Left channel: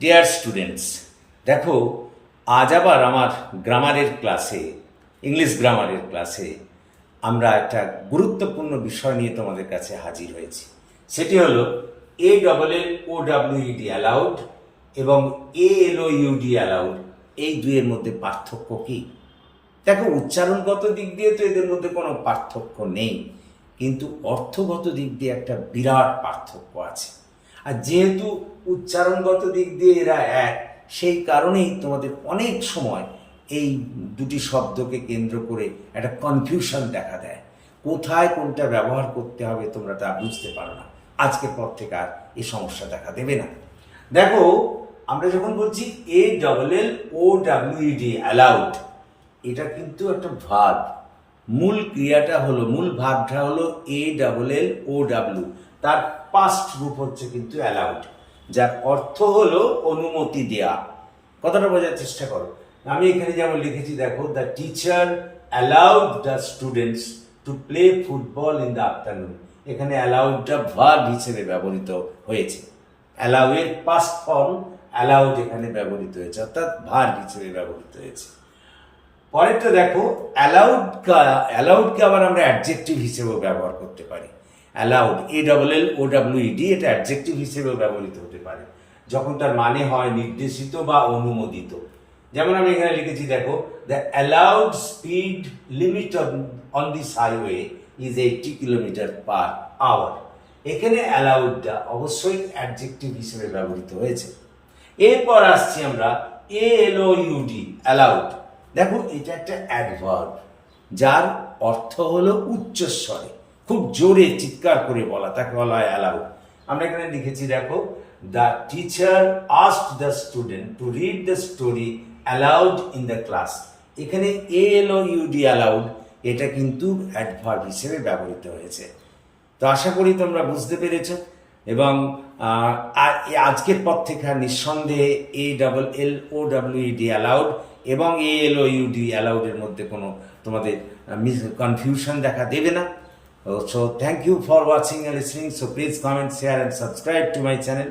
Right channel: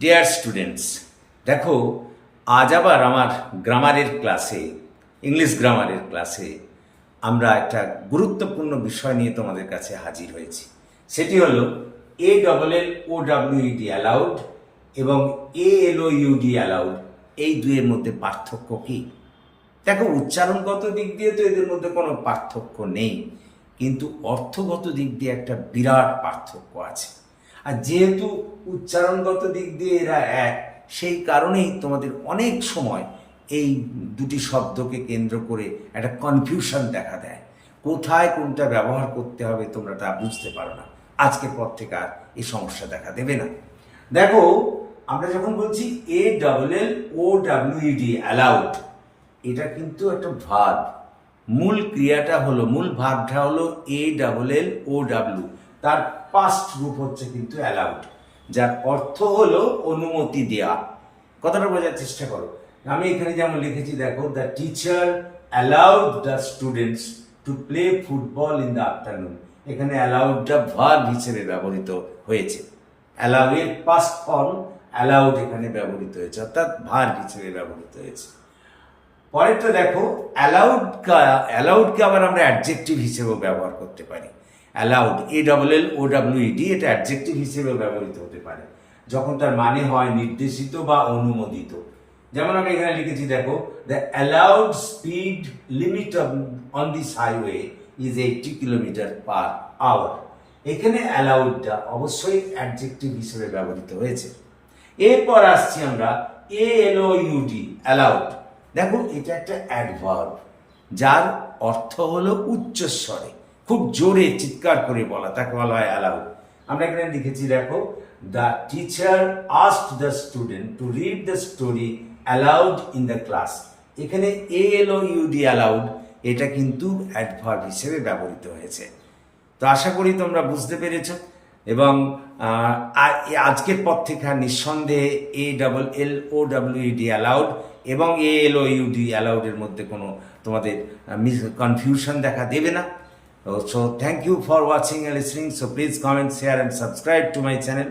Dear students, দেখো আজ আবার আমার গ্রামারের ক্লাসে, ইংলিশ গ্রামারের ক্লাসে আমরা একটা গুরুত্বপূর্ণ বিষয় নিয়ে তোমাদের কাছে হাজির হয়েছি। সেটি হলো ALLOUD অ্যালাউড এবং ALOUD অ্যালাউড, এই দুইয়ের মধ্যে পার্থক্য কী? দেখো, উচ্চারণগত দিক দিয়ে তো এদের মধ্যে কোনো পার্থক্য নেই, কিন্তু অর্থগত দিক দিয়ে একটা বিরাট পার্থক্য আছে। আর যেহেতু উচ্চারণগত দিক দিয়ে এরা এক, সেই কারণেই তোমাদের অনেক সময় এই দুটি শব্দকে কেন্দ্র করে একটা কনফিউশন দেখা দেয়। কোথায় কোনটা ব্যবহার করতে হবে তোমরা তা বুঝতে পারো না। আজকের পর থেকে আর এই সমস্যা দেখা দেবে না। দেখো, আমরা যখন বলছি ALLOUD অ্যালাউড, এটা কিন্তু একটা ভার্ব। মূল ক্রিয়াটা হলো, মূল ভার্বটা হলো ALLOW, তার পাস্ট রূপ হচ্ছে কিন্তু অ্যালাউড, যার অর্থ হলো অনুমতি দেয়া। কথাটা বোঝার চেষ্টা করো। আমি এখানে যেমন লিখেছি, দেখো, the teacher allowed the students to play football in the afternoon. এখানে অ্যালাউডটা ভার্ব হিসেবে ব্যবহৃত হয়েছে। অ্যালাউ এর পাস্ট ফর্ম অ্যালাউড এখানে ব্যবহৃত হয়েছে, অর্থাৎ ভার্ব হিসেবে ব্যবহৃত হয়েছে। পরেরটা দেখো, অ্যালাউডকে আবার আমরা অ্যাডজেক্টিভ হিসেবেও ব্যবহার করতে পারি। অ্যালাউড ALLOUD, এটা অ্যাডজেক্টিভ হিসেবেও ব্যবহৃত হতে পারে যখন তার মানে হয় নির্দেশিত বা অনুমোদিত। যেমন আমি এখানে লিখেছি, দেখো, the allowed speed limit on this highway is 80 km/h। এখানে অ্যালাউডটা অবশ্যই অ্যাডজেক্টিভ হিসেবে ব্যবহৃত হয়েছে। এরপর আসছি আমরা ALOUD অ্যালাউড। দেখো, এটা একটা অ্যাডভার্ব, যার অর্থ হলো উচ্চস্বরে, খুব জোরে চিৎকার করে বলা, তাকে বলা হয় অ্যালাউড। আমরা এখানে লিখেছি, দেখো, the teacher asked the student to read the story allowed in the class. এখানে ALOUD অ্যালাউড, এটা কিন্তু অ্যাডভার্ব হিসেবে ব্যবহৃত হয়েছে। তো আশা করি তোমরা বুঝতে পেরেছ, এবং আজকের পর থেকে নিঃসন্দেহে ALLOUD অ্যালাউড এবং ALOUD অ্যালাউডের মধ্যে কোনো তোমাদের কনফিউশন দেখা দেবে না। So thank you for watching and listening. So please comment, share and subscribe to my channel.